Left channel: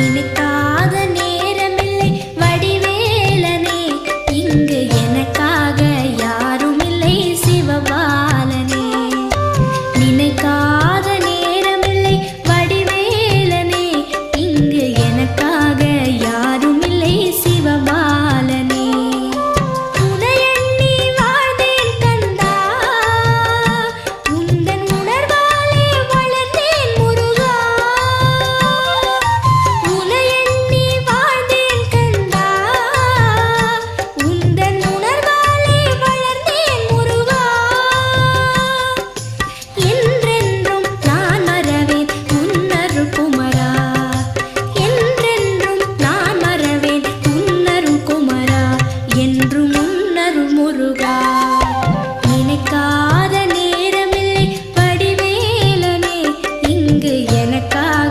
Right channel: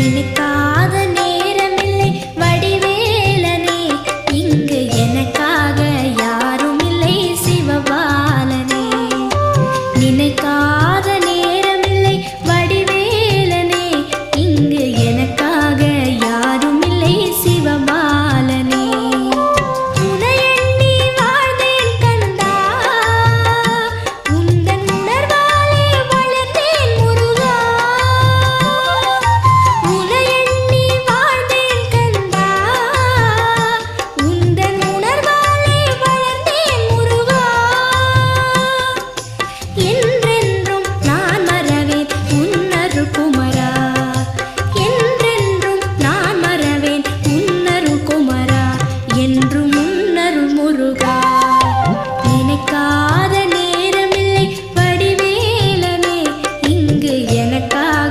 நினைக்காத நேரமில்லை வடிவேலனே, இங்கு எனக்காக யாரும் இல்லை சிவபாலனே. நினைக்காத நேரமில்லை வடிவேலனே, இங்கு எனக்காக யாரும் இல்லை சிவபாலனே. குமரா